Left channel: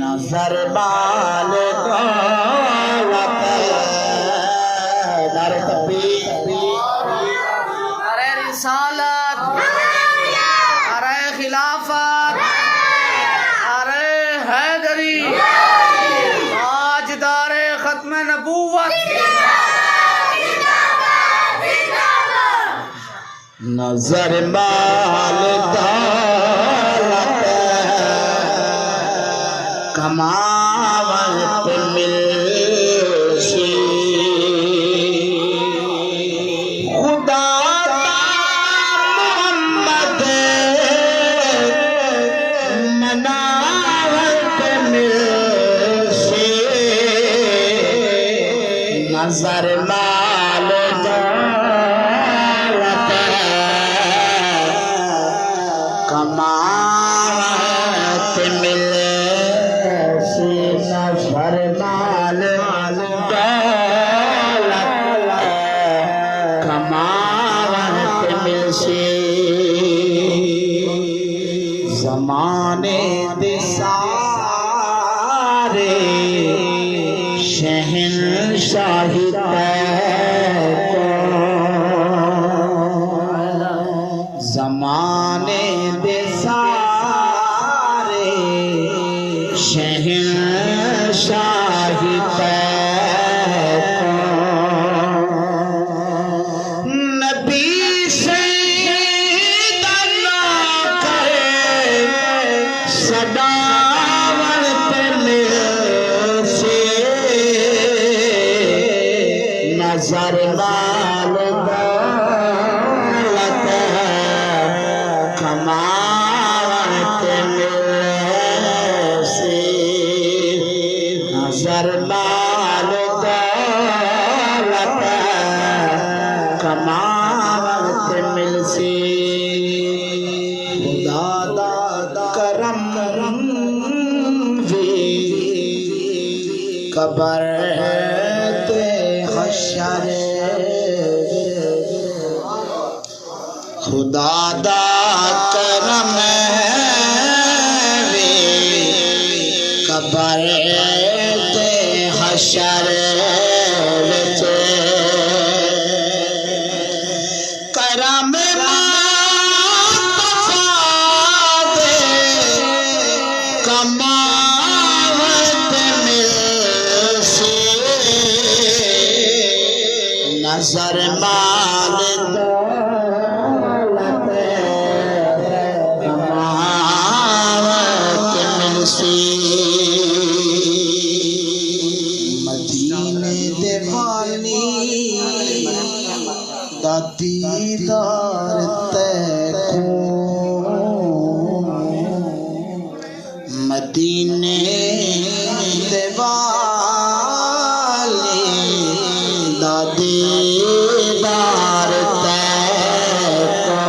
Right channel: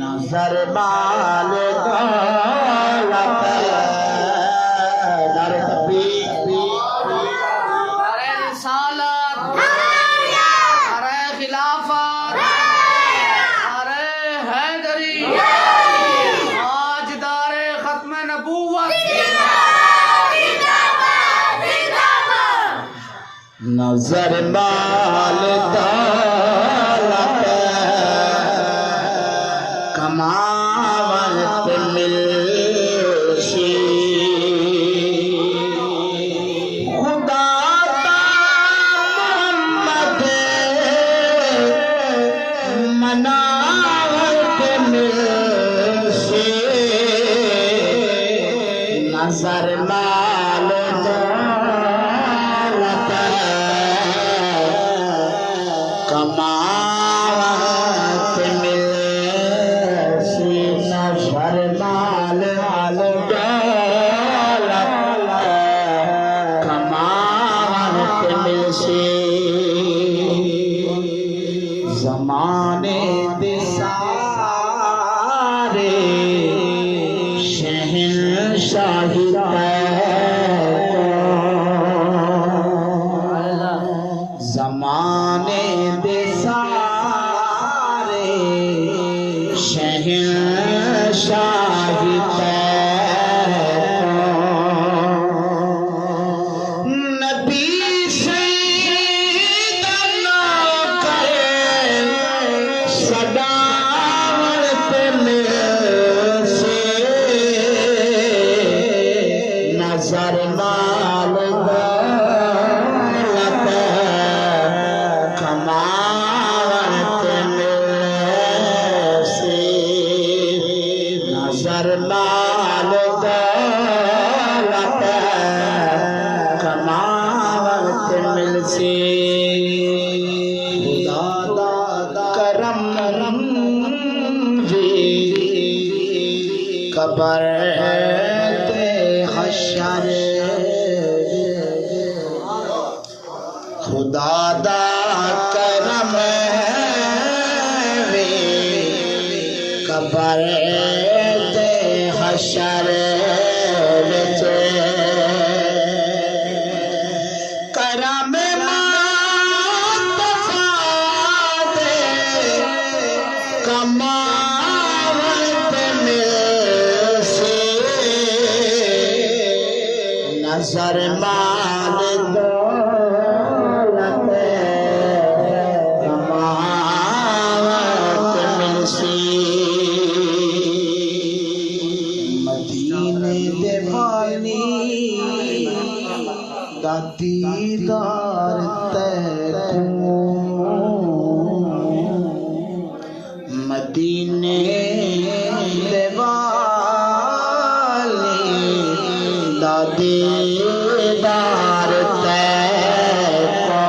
नजर बाल अरे रिसालत, अरे खिलाफत, अरे हैदरी, ताजदारे खत्म नबूवत। नजर बाल कमावत मिलसी खुदा मोहम्मद मनावत मिलसी नजर माल कमावत मिलसी नजर माल कमावत मिलसी ज़माने दे सारे शहंशाही ज़माने दे सारे शहंशाही नबी से सदावत मिलसी नजर माल दौलत कमावत मिलसी नजर माल दौलत कमावत मिलसी करम कबर ते हशर खुदा दा करम वे कबर ते हशर विच करम मुस्तफा दे कमावत मिलसी नजर माल दौलत कमावत मिलसी मदीने दे मानी दा दीदार तैको मदीने दे वाले दा दीदार तैको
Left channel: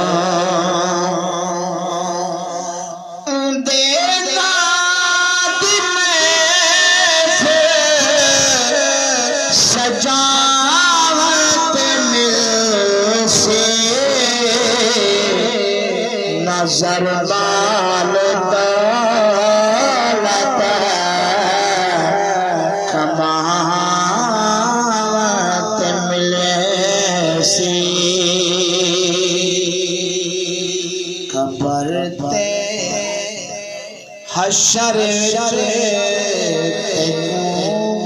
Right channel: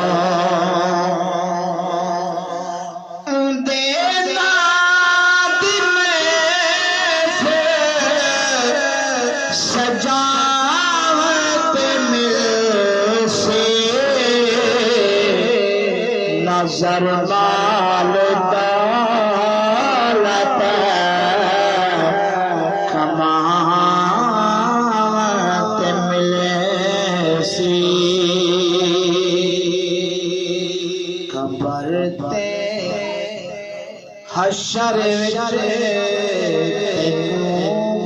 देदा दिल से सजावत मिलसी नजर बाल दौलत कमावत मिलसी कबर ते हशर विच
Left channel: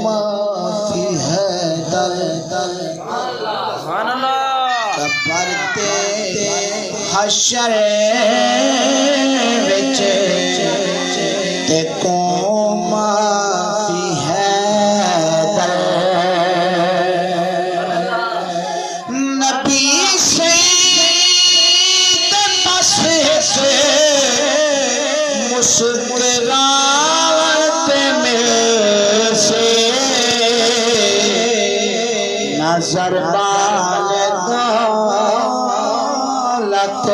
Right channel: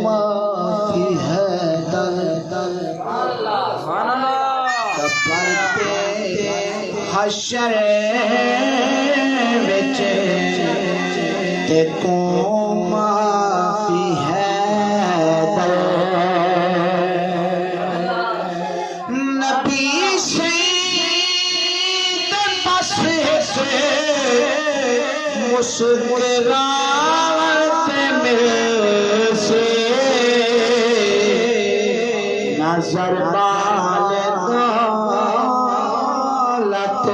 माफी है दल कबर ते हशर विच ते माफी है दल नबी से मुस्कुरावत मिलसी नजर बाल दौलत